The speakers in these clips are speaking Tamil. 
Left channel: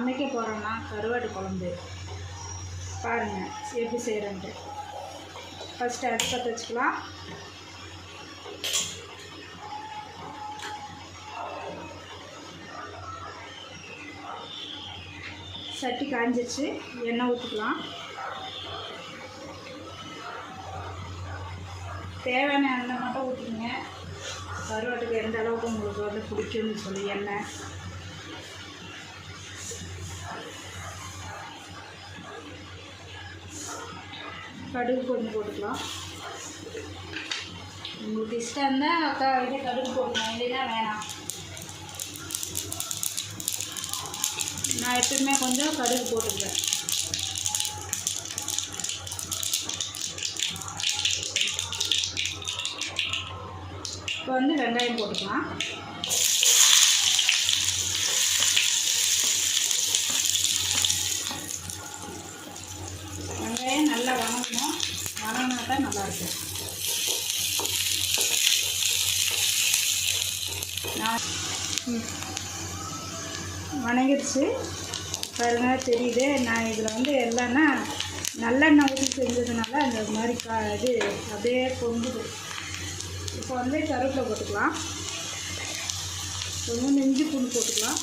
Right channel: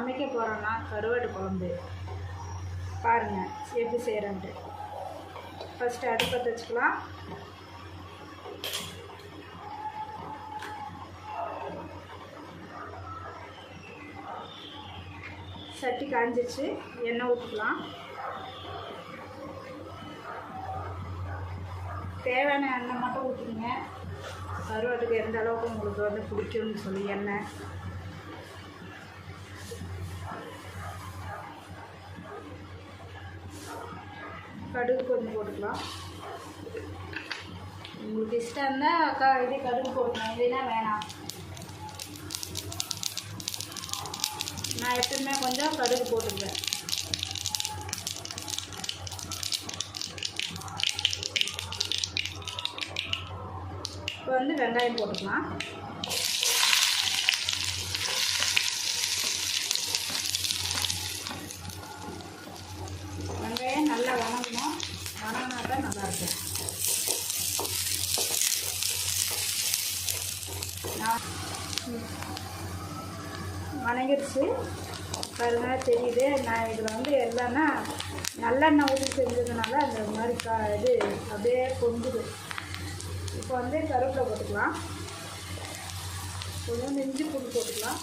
சமைக்க போகிறோன்னா கருவாடு குழம்பு. பாருங்கள் எப்படி செய்கிறேன்ட்டு ஃபஸ்ட்டு அடுப்பத்தை வச்சுக்கலாம். சட்டி காஞ்சிச்சு எண்ணெய் ஊற்றிக்கலாம் தேவையான எண்ணெய் மட்டும் ஊற்றிக்கங்க கருவாட்டுக்கு எந்த அளவுக்கு உங்களுக்கு வந்து பிடிக்கும்னு சொல்லி எண்ணெய். கடுகு கொஞ்சம் போட்டுக்கலாம். உங்களுக்கு இஷ்டம் தான் அக்கா இது கடுகு போடணும் இல்லைன்னா வேணாம். நான் எப்பவுமே கொஞ்சம் கடுகு போட்டுக்கிறேன் இப்போ வந்து வெங்காயம் போட்டுக்கலாம் வெங்காயம் நல்லா வணங்கணும் வணங்கினா தான் நல்லாயிருக்கும் நான் ம். வந்துருச்சு பாருங்க தெரியுது நான் இதில் வந்து எல்லாம்னா நல்லெண்ணெய் ஊற்றி செஞ்சதுனால அந்த மாதிரி கா இது அப்படியே பொங்குது. இப்போ வந்து கருவேப்பிலை போட்டுக்கலாம். கொஞ்சம் நெஞ்சு பூண்டு போட்டுக்கலாம்.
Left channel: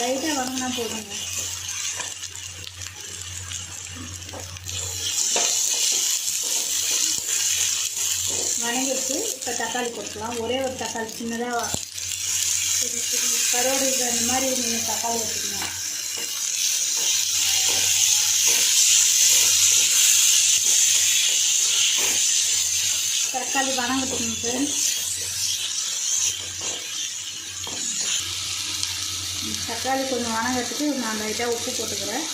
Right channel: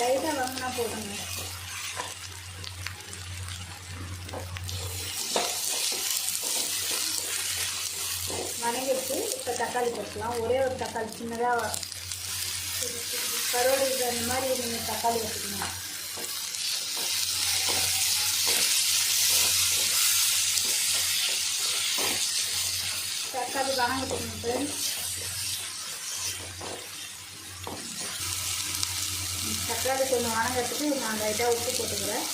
லைட்டாக வாங்கினா போதுங்க வணங்கிடுச்சு இப்போ தக்காளி போட்டுக்கலாம். ஒரே ஒரு தக்காளி சின்னதாக கருவாடு அந்த மாதிரி நீங்கள் தக்காளி வச்சுக்கணும் தக்காளி வணங்கிட்டுங்க ஃப்ரெண்ட்ஸ் தக்காளி கொஞ்சம் வணங்கிறதுக்கு நான் லைட்டாக உப்பு போட்டுக்கிறேன்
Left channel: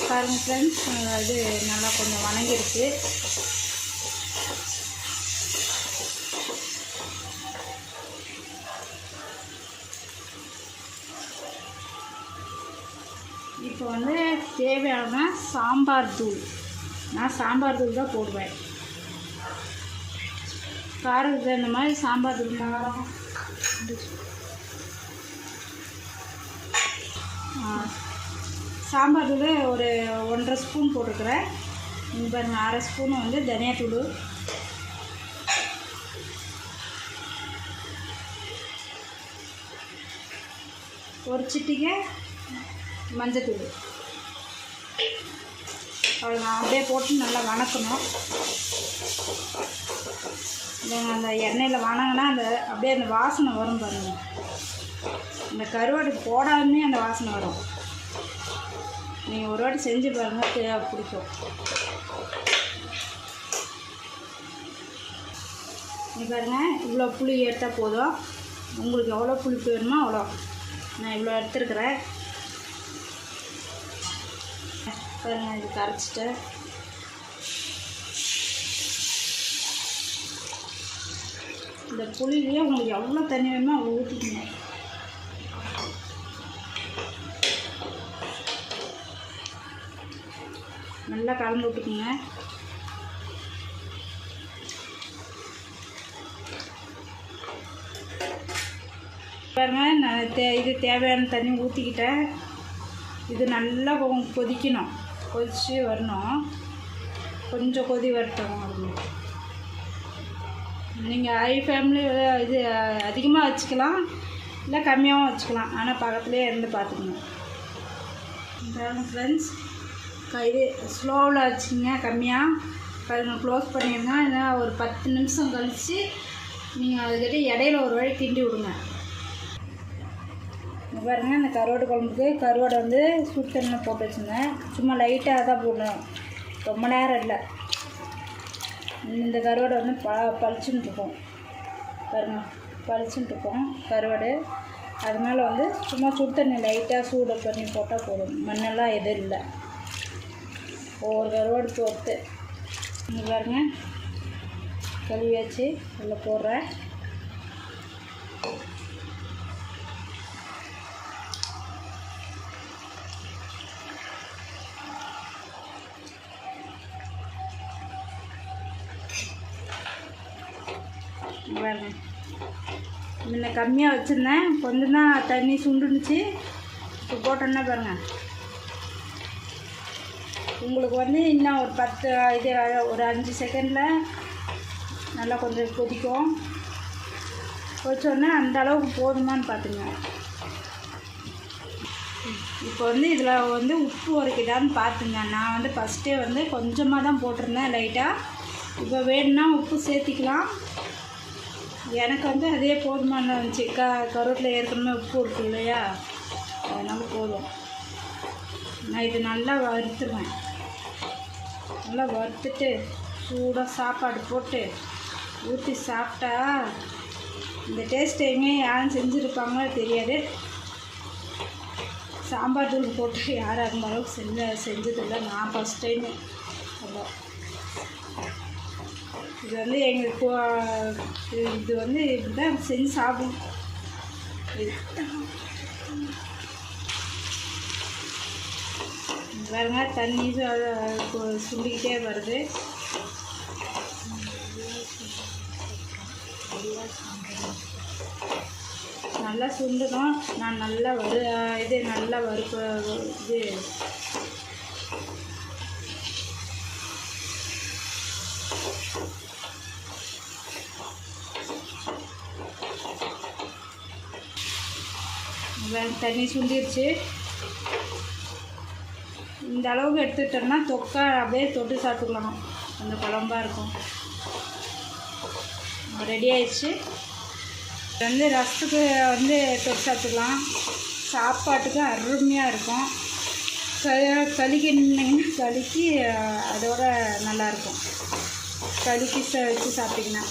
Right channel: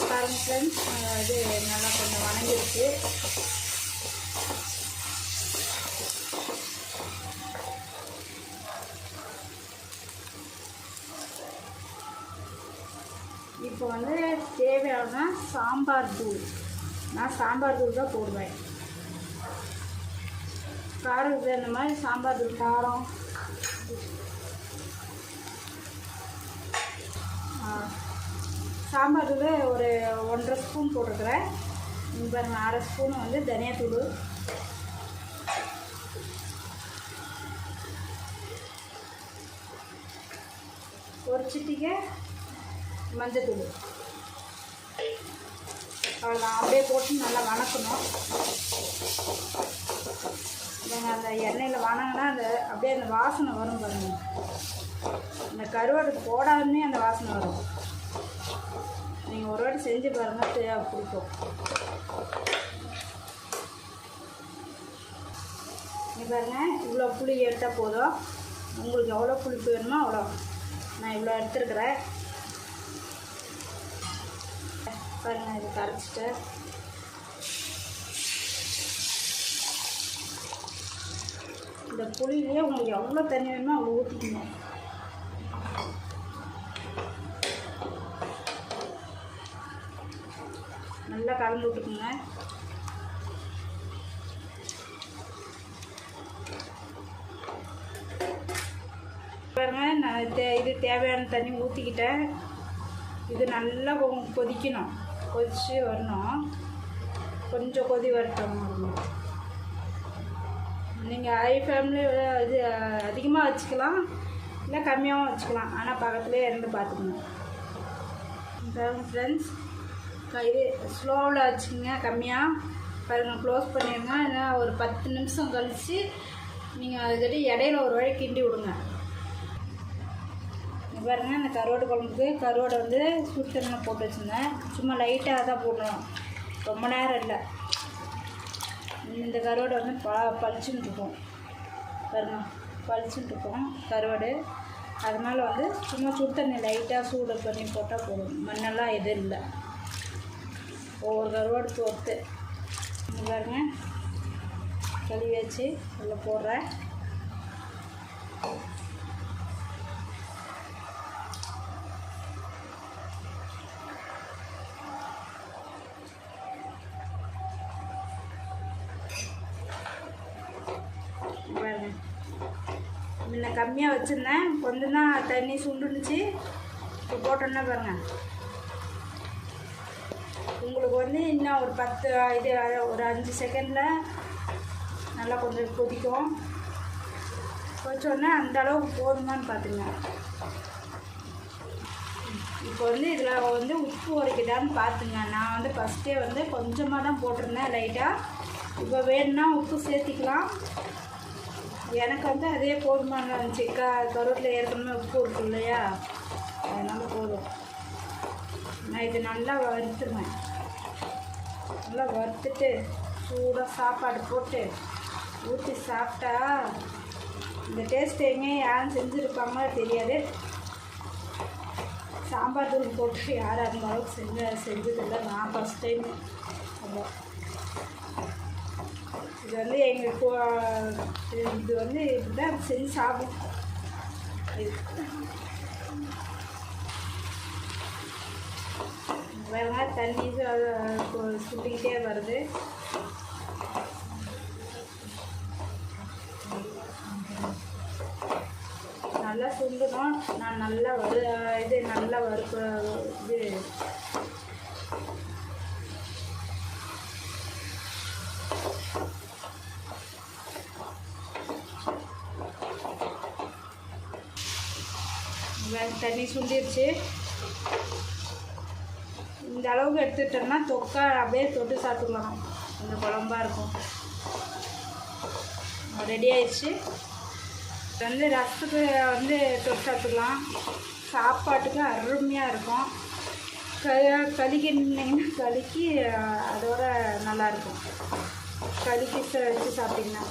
பாருங்க ஃப்ரெண்ட்ஸ் இது நல்லா கொஞ்சம் வணங்கிருச்சு இப்போ வந்து தேவையான சாம்பார் தூள். நான் சாம்பார் தூள் தான் போடுவேன். காரத்துக்கு தகுந்த மாதிரி சாம்பார் தூள் காரம். சாம்பார் தூள் ஒரு ஒன்றரை ஸ்பூன் போட்டுருக்குறேன். இந்த அரை ஸ்பூன் வந்து தனியாத்தூள். ஒரு சிட்டிகை மஞ்சத்தூள். அவ்வளோதான் அப்படியே போட்டு நல்லா வணக்கணும். நீங்கள் அந்த எண்ணெயில் வணங்கினா அந்த அப்படியே அந்த வாசனை வரும் பாருங்க. இந்த கருவாடு போடாமே அந்த வாசனை வரும். நீங்கள் ஒரு வாட்டி செஞ்சு பாருங்கள் தேவை பிடிக்கும். நீ பாருங்க இவ்வளோ புளி எடுத்தால் போதும். உங்களுக்கு எவ்வளோ புளிப்பு வேணுமோ அவ்வளோ. நான் இவ்வளோ எடுத்துருக்குறேன். பாருங்கள் இது கரைச்சிட்டு இந்த புளியிலே உங்களுக்கு எவ்வளோ தண்ணி வேணுமோ அவ்வளோ ஊற்றிக்கணும் கலந்து விட்டுக்குங்க. பாருங்க நான் தே இது தேவையான தண்ணி ஊற்றிக்கிட்டேன் இது நல்லா கொ- கொதிக்கணும். கொதிச்சு வரணும். கொஞ்சம் கொதி வரட்டும். நீங்கள் ஹை ஃபேமிலியில் இது அதிகமாக வச்சுக்கலாம். இல்லை கம்மியாகவும் வச்சுக்கலாம். ஆனால் பக்கத்துலேயே இருந்து பார்த்துக்கணும். ஃப்ரெண்ட்ஸ் இது ஸ்லோவில் வச்சுங்க கம்மியாக பாருங்க க்ளோஸ் பண்ணிடுங்க. ஏன்னா ஒரு பத்து நிமிஷம் கழித்து நீங்கள் அதுக்கிட்ட இடையில ஒரு வழி கிண்டி விடுங்க. பாருங்கள் இந்த கருவாடு குழம்புக்கு கருவாடை வந்து சுடு தண்ணியில் போட்டு வச்சுருந்தேன் சும்மா லைட்டாக தான் போடணும். ரொம்ப நேரம் இல்லை. இந்த கருவாடை வந்து ப பளிச்சுன்னு இருக்கும். பாருங்க பளிச்சுன்னு இருக்கும் கருவாடு. அது மேலே வந்து சும்மா சுடு தண்ணி லைட்டாக சூடு பண்ணி போட்டால் போதும். மண்ணெல்லாம் எதுவும் இல்லை. ஒவ்வொரு கருவாடுக்கு ஒருத்து இங்கே பாருங்க. கழுவியாச்சு. அதில் போடுறேன். முன்ன கம்மியாக வச்சுருந்தேன். கொஞ்சம் தான் தண்ணி சுண்டுனுச்சு. இப்போ போட்டோன்னே பாருங்கள் உங்களுக்கு வந்து இன்னும் ஒரு பத்து இது ஒரு அஞ்சு செகண்டில் நல்லா கொஞ்சம் கொதிக்கும். கொதிச்சோடனே அந்த அளவுக்கு போதுமான்னு பார்த்துங்க இப்போ வந்து இதில் வந்து உப்பு உரைக்கிட்டான்னு பார்த்துங்க நான் வந்து ஃபஸ்ட்டே வந்து கொஞ்சமாக தான் போட்டிருந்தேன் லைட்டாக இப்போ வேணும்னா உப்பு சேர்த்திக்கலாம். எனக்கு வந்து அதே போதுமான இருந்துச்சு. க கருவேப்பிலை ஏற்கனவே உப்பு இருக்கு இல்லையா? அதனால் போதும். நான் இது நல்லா வறுத்துருவேன். நல்லா வறுத்துட்டு சூடாக சாப்பாடு போட்டு ஊற்றி சாப்பிட்டா இந்த டேஸ்ட்டையுமே யாரும் செஞ்சுருப்பாங்களோ தெரியாது. சாம்பார் தூள் போட்டு யாராக இருந்தாலும் செஞ்ச செஞ்சதில்லை. நான் ஃபஸ்ட் டைம் அப்போ இது வந்து எங்களுக்கு இது வந்து இப்படி தான் செஞ்சு சாப்பிடும் இது. பாருங்க தண்ணி சு- சுண்டிக்கிட்டே வருது. நல்லா சுண்டணும். நான் நல்லா வறு இது நல்லா வறுக்க இது. தண்ணி சுண்டிருச்சு. இந்த அளவுக்கு எடுத்துக்கிட்டோம்னா தொக்கா அப்படியே தொட்டு சாப்பிட்டுக்கலாம். அந்த குழம்பா இருக்கும். ரெடி ஆயிடுச்சு. வந்து ரசத்துக்கு வந்து தொட்டு சாப்பிட்டுக்கலாம். சாப்பாட்டுக்கு அருமையாக இருக்கும். க களிக்கிட்டிங்கன்னா அதோட நல்லாயிருக்கும் களிக்கு வச்சு சாப்பிட்டிங்கன்னா.